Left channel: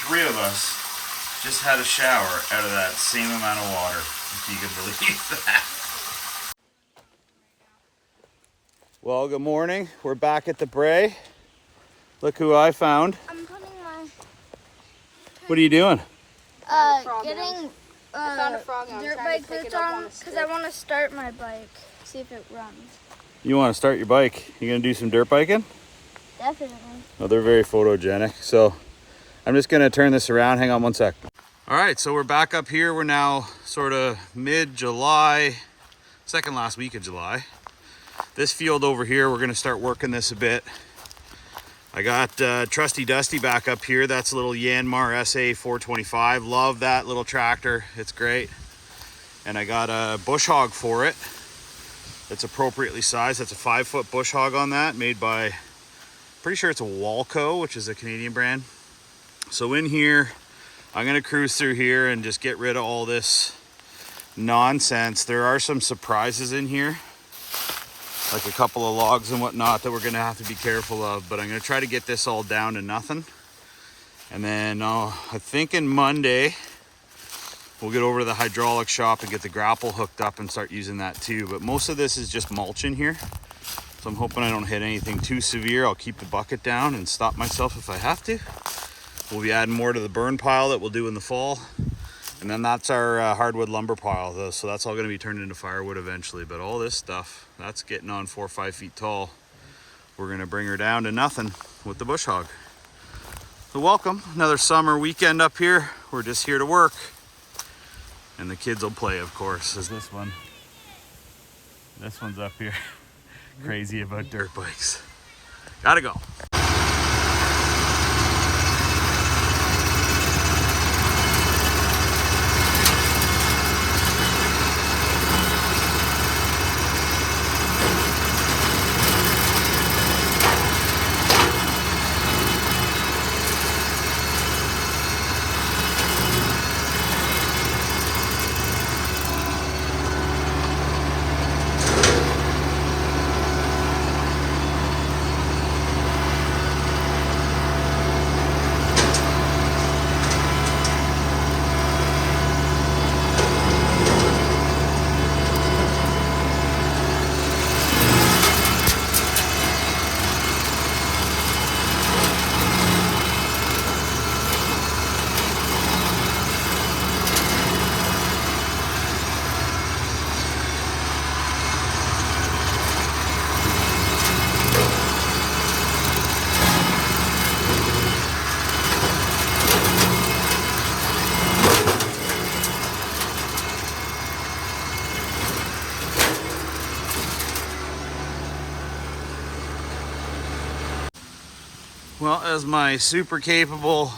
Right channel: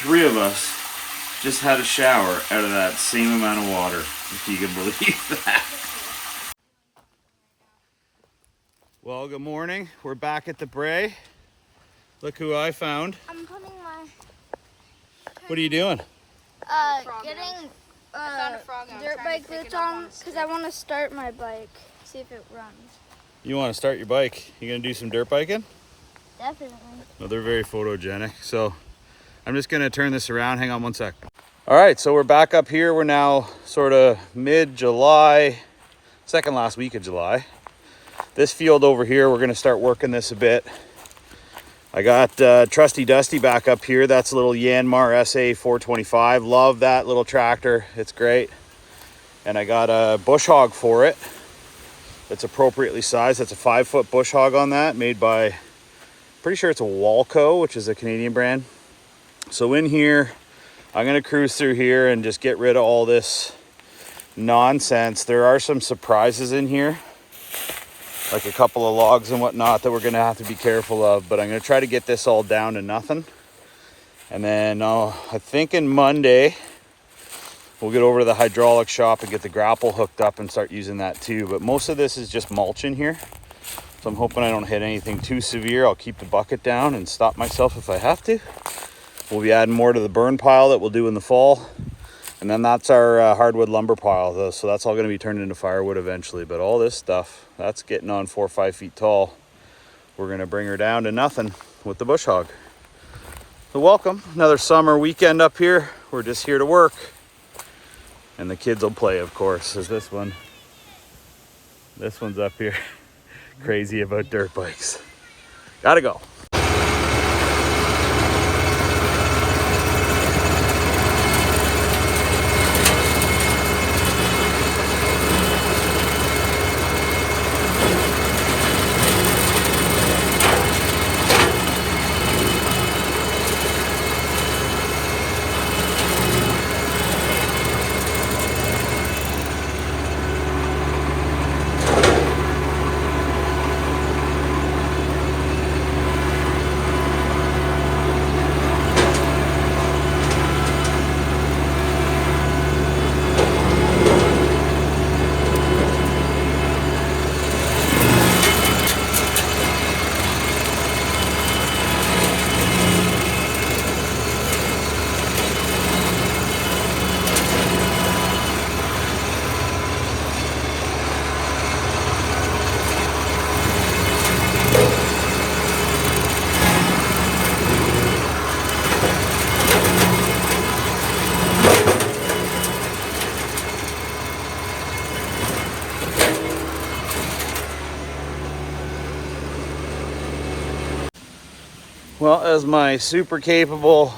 3 of us just had a shower out of that same amount of water, if you can believe that. Well, good morning. We're back at the brae. Look who I found. I'm putting my... What are you doing? Getting I found a frog and I'm dirt trying bike to take boots it up on on a because I want to start my bike, see if it runs. You want to start your bike? You gonna do some dirt biking? Definitely. No, they're very photogenic. So I'm just gonna turn this around. Hang on one sec. All right, so we're back up here. We're now sort of mid-July, second last week of July. This field over here, we're gonna start working this a bit. I got Trusty Dusty back up here. That's a little Yanmar SA 425. Love that little tractor. It's great. And I got a bush hog for it. It's appropriately sized. That's a 5-foot bush hog on that, made by, pretty sure it's a Walco, which is a Canadian brand. So in here, I'm gonna cruise through here and just get rid of all this nonsense. There are some surprises in here, like a couple of logs and whatnot that we're gonna have to be careful of, but I'm gonna try to get this all down to nothing. And then I'm thinking Monday, we'll get over to the hydraulic shop and get the grapple hooked up and start using that too. But most of this is just mulch in here. So I'm hoping I don't hit anything too severe. I'll keep the bucket down and stop myself if I have to. We'll be adding more to the burn pile that we'll do in the fall. And then that's our hardwood lumber pile though. So that's all gonna be turned into firewood eventually. But all this stuff, that's getting on 4 or 5 feet tall. We're gonna bring her down to nothing with the bush hog. So welcome, another summer weekend up here. We're just here to work. And the kids will play, of course, as this one's up here, crazy about dirt bikes. Gotta go. Well, as my super capable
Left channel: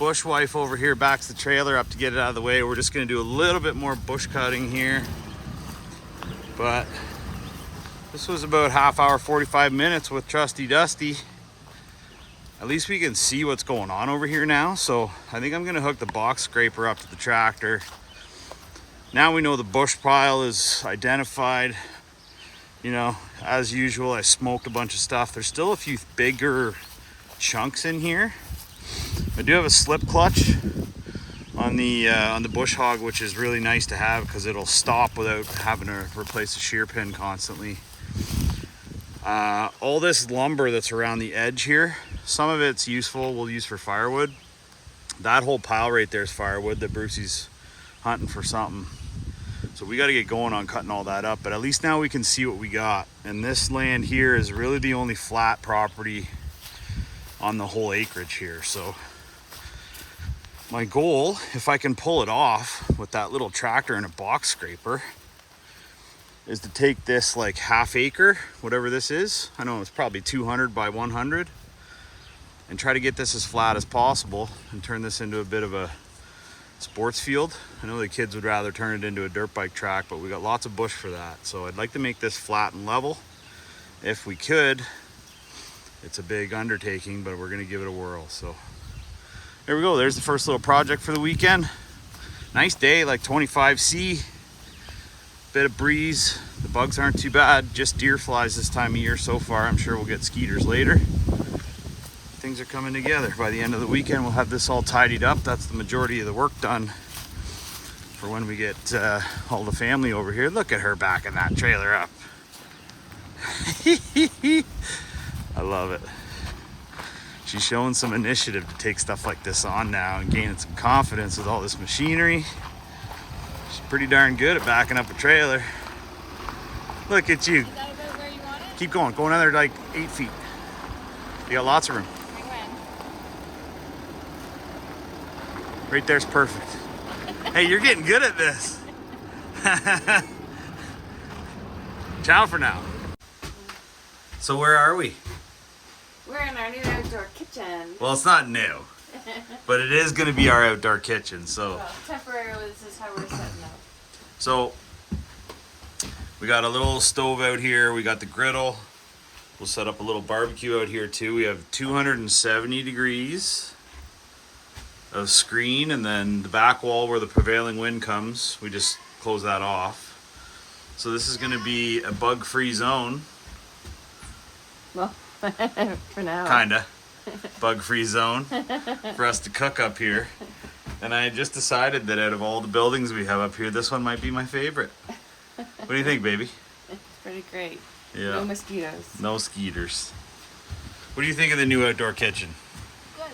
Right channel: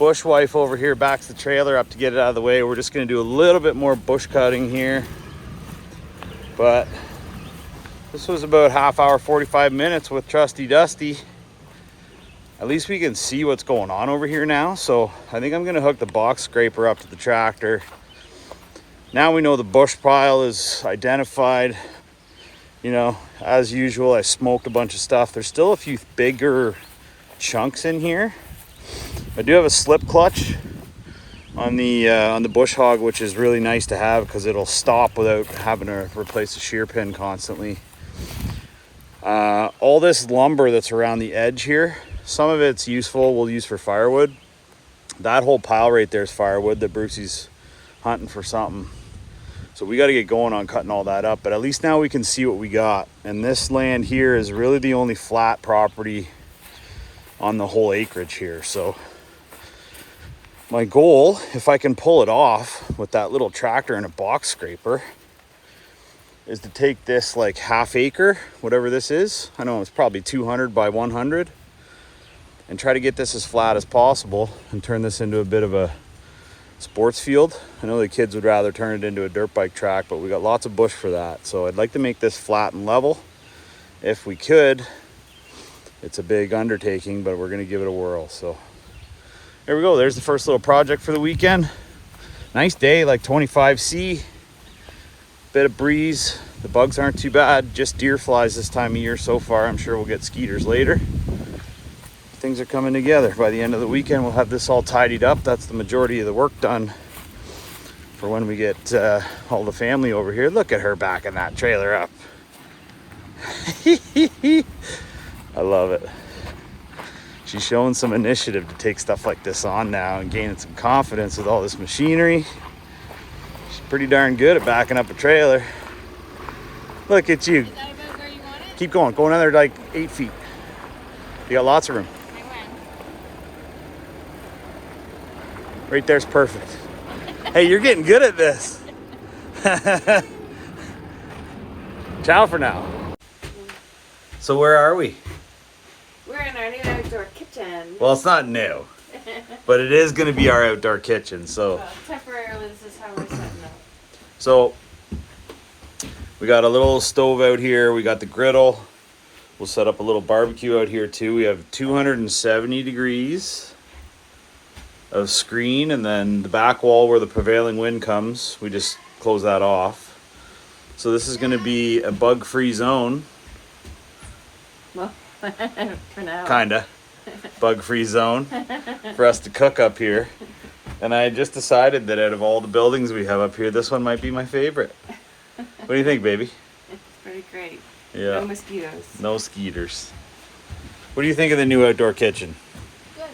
bush wife over here backs the trailer up to get it out of the way, we're just gonna do a little bit more bush cutting here. But this was about half hour, 45 minutes with Trusty Dusty. At least we can see what's going on over here now. So I think I'm gonna hook the box scraper up to the tractor. Now we know the bush pile is identified. You know, as usual, I smoked a bunch of stuff. There's still a few bigger chunks in here. I do have a slip clutch on the bush hog, which is really nice to have because it'll stop without having to replace the shear pin constantly. All this lumber that's around the edge here, some of it's useful, we'll use for firewood. That whole pile right there is firewood that Brucey's hunting for something. So we got to get going on cutting all that up, but at least now we can see what we got. And this land here is really the only flat property on the whole acreage here. So my goal, if I can pull it off with that little tractor and a box scraper, is to take this like half acre, whatever this is. I know it's probably 200 by 100, and try to get this as flat as possible and turn this into a bit of a sports field. I know the kids would rather turn it into a dirt bike track, but we got lots of bush for that. So I'd like to make this flat and level if we could. It's a big undertaking, but we're gonna give it a whirl. So there we go. There's the first little project for the weekend. Nice day, like 25C. Bit of breeze. The bugs aren't too bad. Just deer flies this time of year so far. I'm sure we'll get skeeters later. I things are coming together. By the end of the weekend, we'll have this all tidied up. That's the majority of the work done for when we get all the family over here. Look at her backing that trailer up. I love it. She's showing some initiative to take stuff like this on now and gaining some confidence with all this machinery. She's pretty darn good at backing up a trailer. Look at you. Keep going. Go another like 8 feet. You got lots of room. Right there's perfect. Hey, you're getting good at this. Ciao for now. So where are we? We're in our new outdoor kitchen. Well, it's not new, but it is going to be our outdoor kitchen. So Temporarily, this is how we're setting up. So we got a little stove out here. We got the griddle. We'll set up a little barbecue out here too. We have 270 degrees of screen, and then the back wall where the prevailing wind comes, we just close that off. So this is going to be a bug-free zone. Well, for now. Kinda. Bug-free zone for us to cook up here. And I just decided that out of all the buildings we have up here, this one might be my favorite. What do you think, baby? It's pretty great. Yeah. No mosquitoes. No skeeters. What do you think of the new outdoor kitchen? Good.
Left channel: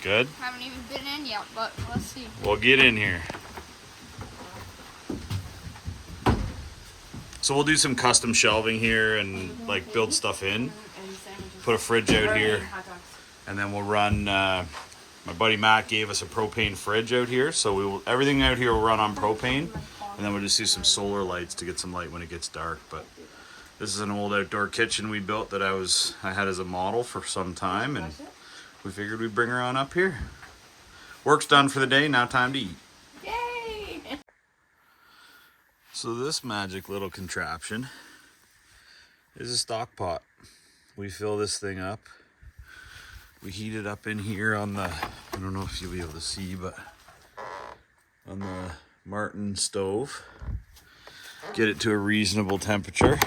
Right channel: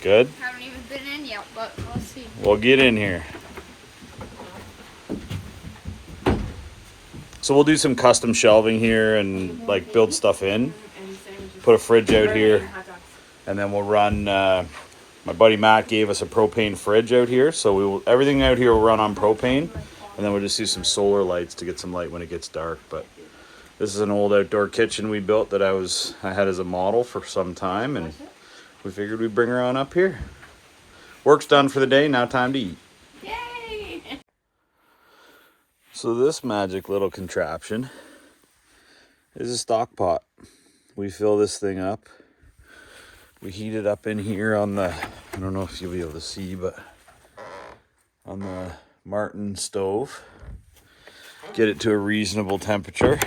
Good? Haven't even been in yet, but we'll see. Well, get in here. So we'll do some custom shelving here and like build stuff in. Put a fridge out here. And then we'll run, my buddy Matt gave us a propane fridge out here. So everything out here will run on propane. And then we'll just do some solar lights to get some light when it gets dark. But this is an old outdoor kitchen we built that I had as a model for some time. And we figured we'd bring her on up here. Work's done for the day, now time to eat. Yay! So this magic little contraption is a stock pot. We fill this thing up. We heat it up in here on the, I don't know if you'll be able to see, but on the Martin stove. Get it to a reasonable temperature.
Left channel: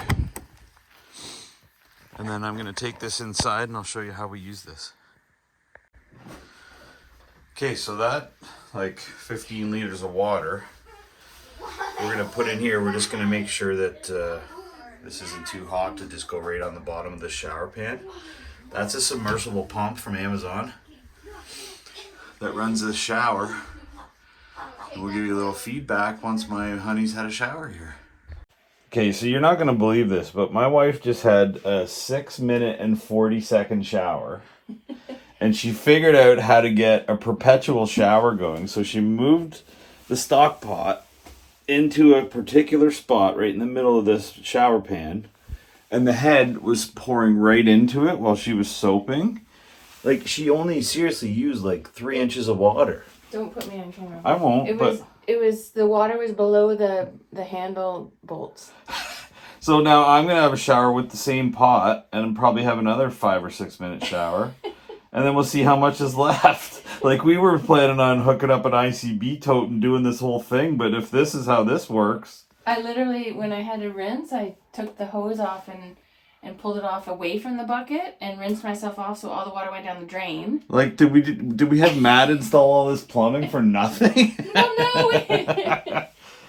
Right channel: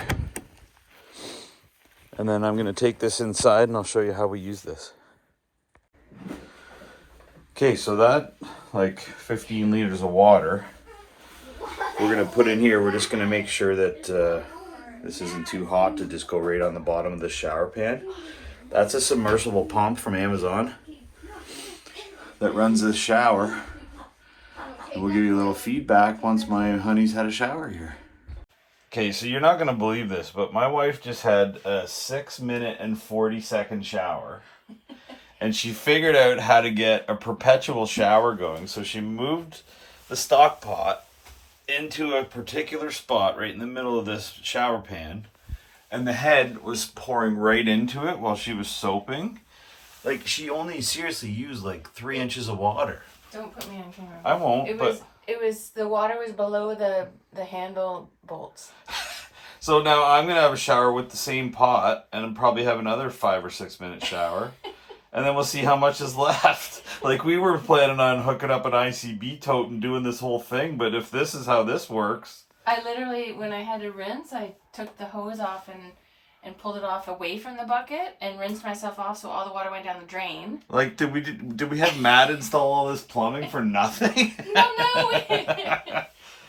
And then I'm going to take this inside and I'll show you how we use this. Okay, so that like 15 liters of water we're going to put in here. We're just going to make sure that this isn't too hot to just go right on the bottom of the shower pan. That's a submersible pump from Amazon that runs this shower. And we'll give you a little feedback once my honey's had a shower here. Okay, so you're not going to believe this, but my wife just had a 6-minute and 40-second shower. And she figured out how to get a perpetual shower going. So she moved the stock pot into a particular spot right in the middle of this shower pan. And the head was pouring right into it while she was soaping. Like, she only seriously used like 3 inches of water. Don't put me on camera. I won't, It was the water was below the handle bolts. So now I'm going to have a shower with the same pot and probably have another 5 or 6 minute shower. And then we'll see how much is left. Like, we were planning on hooking up an ICB tote and doing this whole thing, but if this is how this works. I literally, when I had to rinse, I took the hose off and pulled it off away from the bucket and rinsed myself off so all the water went down the drain. Like, did we have Matt install all this plumbing for nothing? No.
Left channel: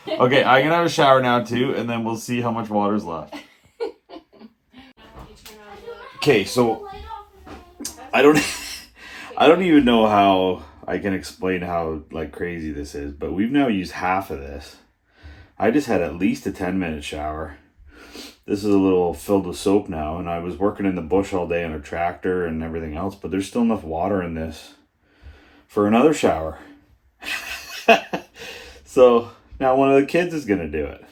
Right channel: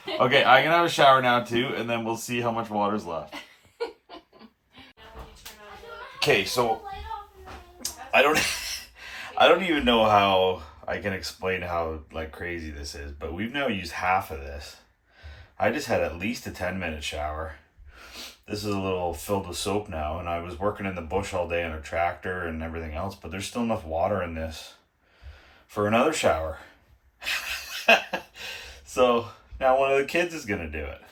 Okay, I can have a shower now too, and then we'll see how much water's left. Okay, so I don't even know how I can explain how like crazy this is, but we've now used half of this. I just had at least a 10-minute shower. This is a little filled with soap now, and I was working in the bush all day on a tractor and everything else, but there's still enough water in this for another shower. So now one of the kids is gonna do it.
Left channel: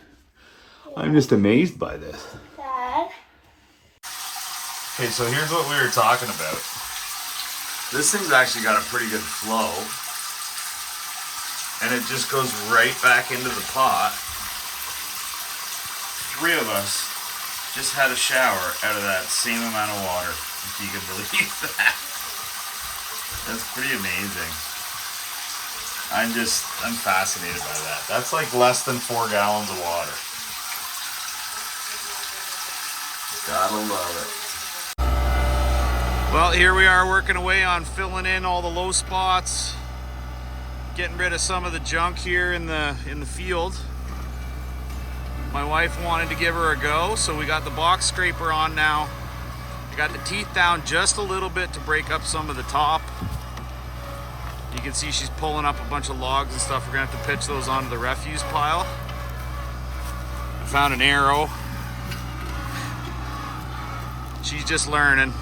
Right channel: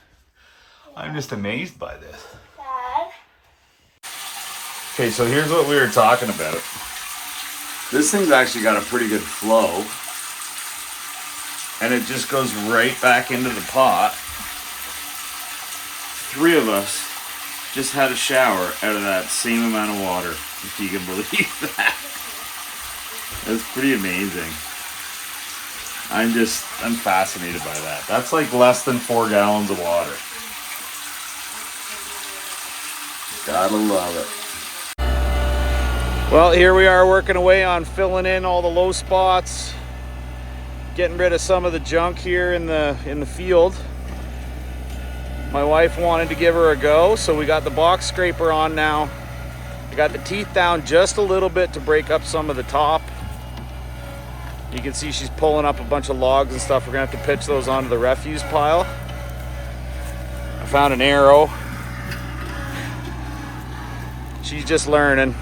I'm just amazed by this. Dad. Okay, so here's what we were talking about. This thing's actually got a pretty good flow, and it just goes right back into the pot. 3 of us just had a shower out of that same amount of water, if you can believe that. That's pretty amazing. I'm fascinated by that. That's like less than 4 gallons of water. Gotta love it. Well, here we are working away on filling in all the low spots, getting rid of some of the junk here in the field. My wife wanted to give her a go, so we got the box scraper on now. I got the teeth down just a little bit to break up some of the top. You can see she's pulling up a bunch of logs and stuff. We're gonna have to pitch those onto the refuse pile. I found an arrow. She's just learning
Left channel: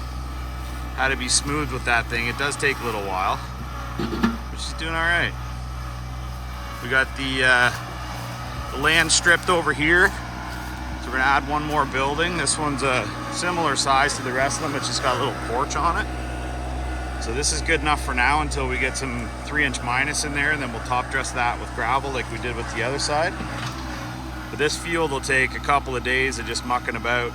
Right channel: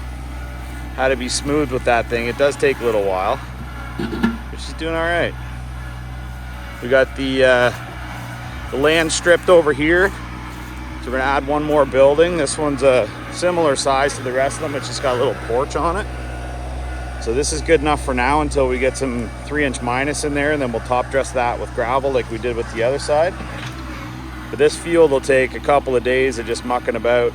how to be smooth with that thing. It does take a little while, but she's doing all right. We got the land stripped over here, so we're gonna add one more building. This one's a similar size to the rest of them. It's just got a little porch on it. So this is good enough for now until we get some 3-inch minus in there, and then we'll top dress that with gravel like we did with the other side. But this field will take a couple of days of just mucking about.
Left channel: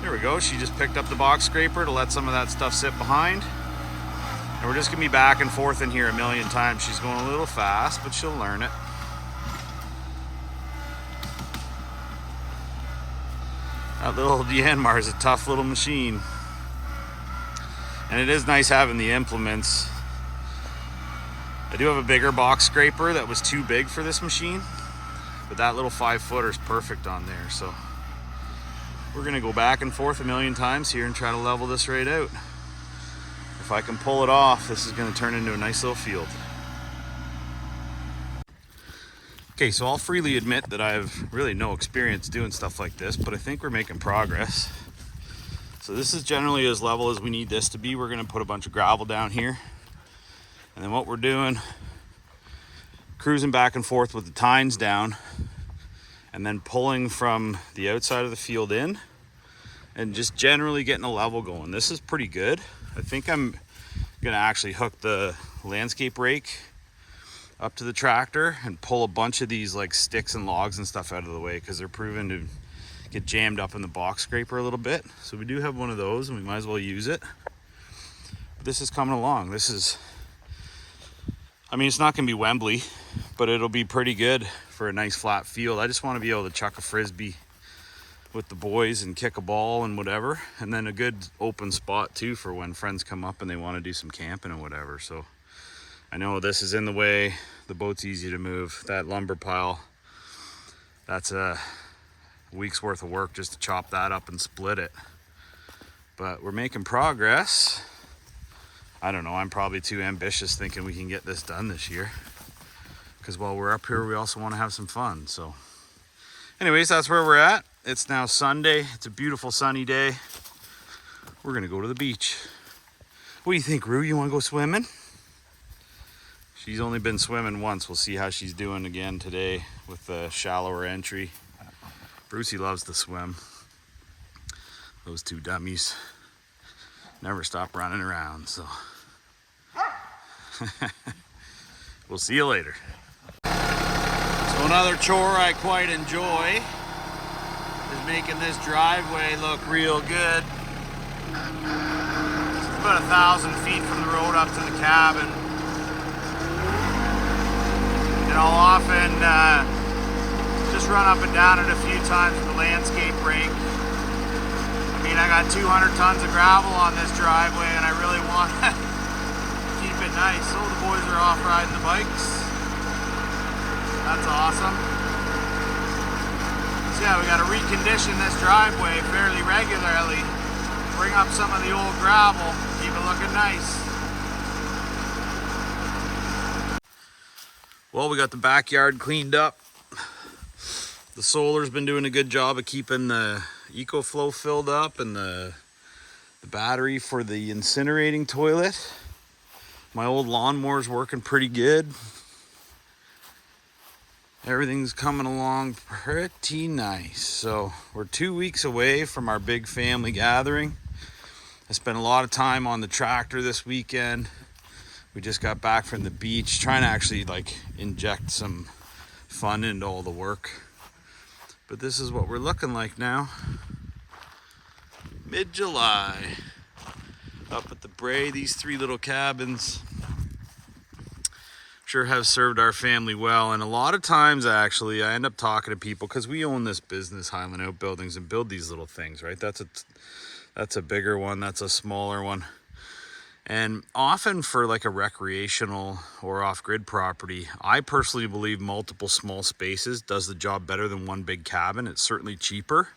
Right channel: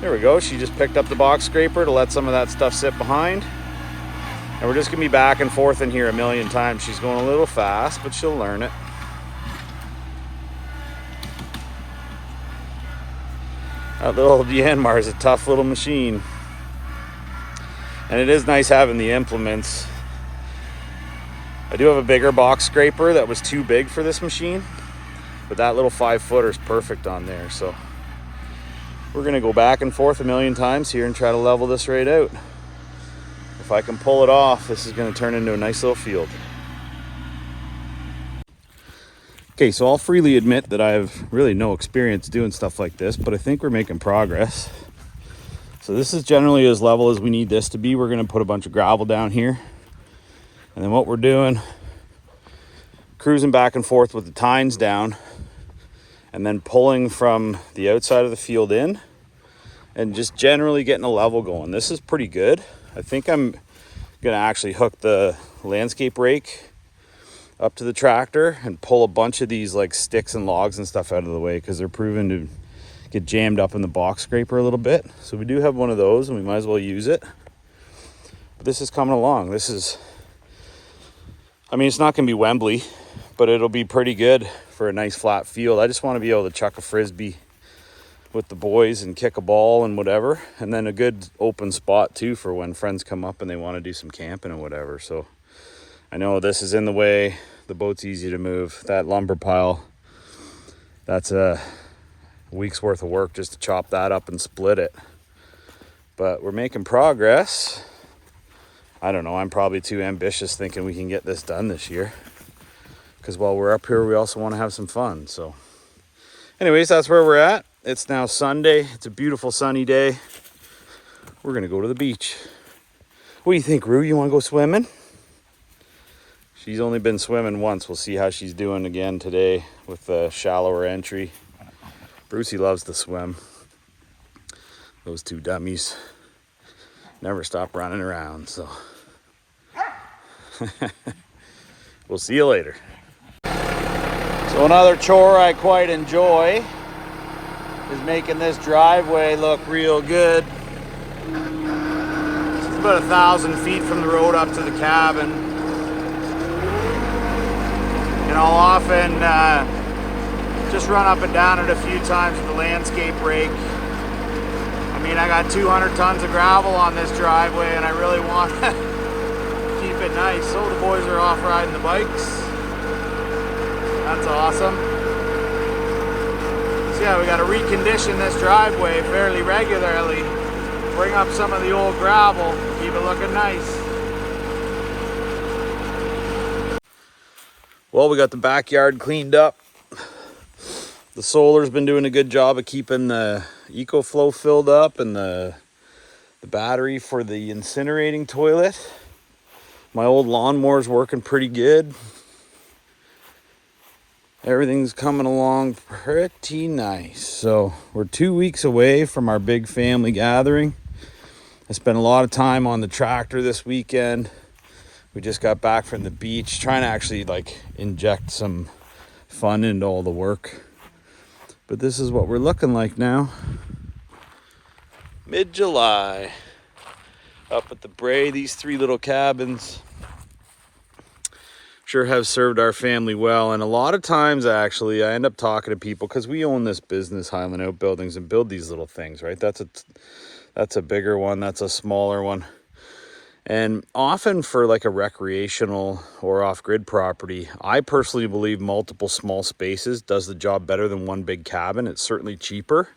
There we go. She just picked up the box scraper to let some of that stuff sit behind. And we're just gonna be back and forth in here a million times. She's going a little fast, but she'll learn it. That little Yanmar is a tough little machine. And it is nice having the implements. I do have a bigger box scraper that was too big for this machine, but that little 5-footer is perfect on there. So we're gonna go back and forth a million times here and try to level this right out. If I can pull it off, this is gonna turn into a nice little field. Okay, so I'll freely admit that I have really no experience doing stuff like this, but I think we're making progress. So this is generally as level as we need this to be. We're gonna put a bunch of gravel down here. And then what we're doing, cruising back and forth with the tines down, and then pulling from the outside of the field in, and just generally getting a level going. This is pretty good. I think I'm gonna actually hook the landscape rake up to the tractor and pull a bunch of these like sticks and logs and stuff out of the way, because they're proven to get jammed up in the box scraper a little bit. So we do have one of those and we might as well use it. But this is coming along. This is, I mean, it's not gonna be Wembley, but it'll be pretty good for a nice flat field. I just want to be able to chuck a frisbee with the boys and kick a ball and whatever. And then a good open spot too for when friends come up and they want to do some camping and whatever. So I know this is in the way. The boat's easy to move. That lumber pile, that's a week's worth of work just to chop that up and split it. But we're making progress. I don't know, I'm probably too ambitious thinking we can get this done this year, because while we're up here we also want to have some fun. So anyways, that's where we're at. It's now Sunday. It's a beautiful sunny day. We're gonna go to the beach. What do you think, Rue? You want to go swimming? She's only been swimming once. We'll see how she's doing again today with the shallower entry. Brucey loves to swim. Those two dummies never stop running around, so we'll see you later. So another chore I quite enjoy is making this driveway look real good. It's about 1,000 feet from the road up to the cabin. And I'll often just run up and down it a few times with the landscape rake. I mean, I got 200 tons of gravel on this driveway and I really want to keep it nice. So the boys are off riding the bikes. That's awesome. So yeah, we got to recondition this driveway fairly regularly. Bring up some of the old gravel, keep it looking nice. Well, we got the backyard cleaned up. The solar's been doing a good job of keeping the EcoFlow filled up and the battery for the incinerating toilet. My old lawnmower's working pretty good. Everything's coming along pretty nice. So we're 2 weeks away from our big family gathering. I spent a lot of time on the tractor this weekend. We just got back from the beach, trying to actually like inject some fun into all the work. But this is what we're looking like now. Mid-July. Up at the Bray, these 3 little cabins sure have served our family well. And a lot of times actually I end up talking to people, because we own this business, Highland Outbuildings, and build these little things, right? That's That's a bigger one. That's a smaller one. And often for like a recreational or off-grid property, I personally believe multiple small spaces does the job better than one big cabin. It's certainly cheaper.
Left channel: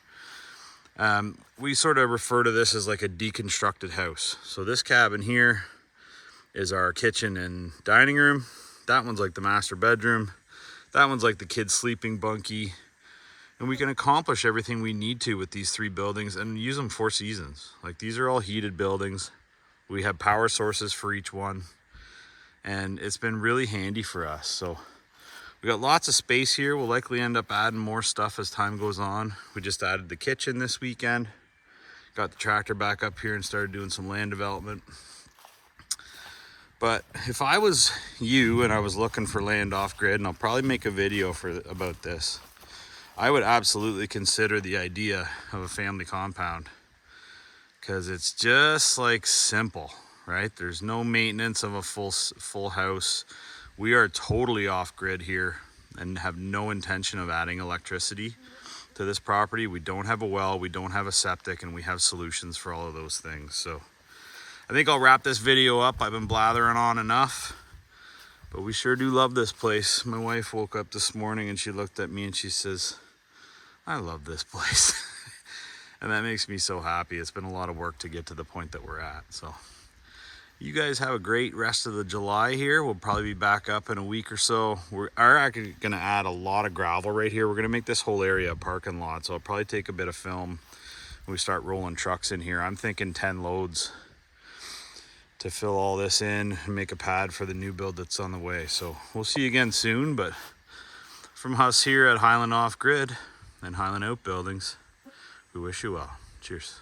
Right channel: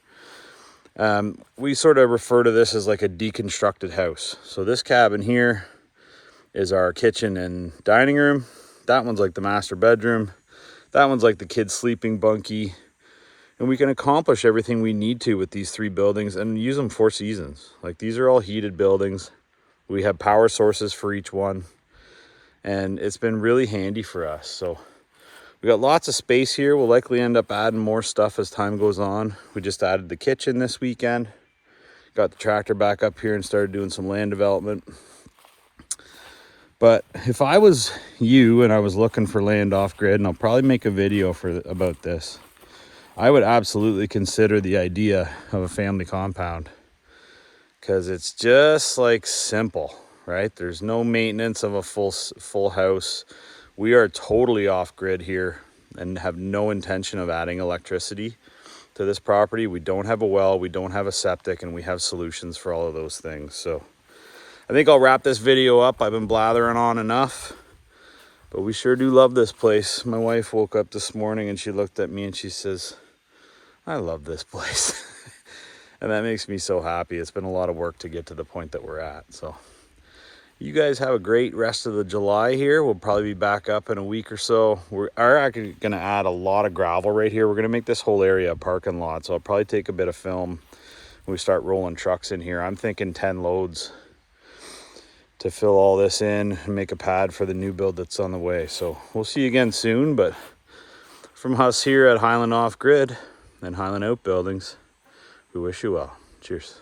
We sort of refer to this as like a deconstructed house. So this cabin here is our kitchen and dining room. That one's like the master bedroom. That one's like the kids' sleeping bunkie. And we can accomplish everything we need to with these 3 buildings and use them 4 seasons. Like these are all heated buildings. We have power sources for each one. And it's been really handy for us. So we got lots of space here. We'll likely end up adding more stuff as time goes on. We just added the kitchen this weekend. Got the tractor back up here and started doing some land development. But if I was you and I was looking for land off grid, and I'll probably make a video about this, I would absolutely consider the idea of a family compound, because it's just like simple, right? There's no maintenance of a full house. We are totally off grid here and have no intention of adding electricity to this property. We don't have a well, we don't have a septic, and we have solutions for all of those things. So I think I'll wrap this video up. I've been blathering on enough, but we sure do love this place. My wife woke up this morning and she looked at me and she says, I love this place. And that makes me so happy. It's been a lot of work to get to the point that we're at. So you guys have a great rest of the July here. We'll probably be back up in a week or so. We are actually going to add a lot of gravel right here. We're going to make this whole area a parking lot. So I'll probably take a bit of film when we start rolling trucks in here. I'm thinking 10 loads to fill all this in and make a pad for the new build that's on the way. So we'll see you again soon. But from us here at Highland Off Grid and Highland Outbuildings, we wish you well. Cheers.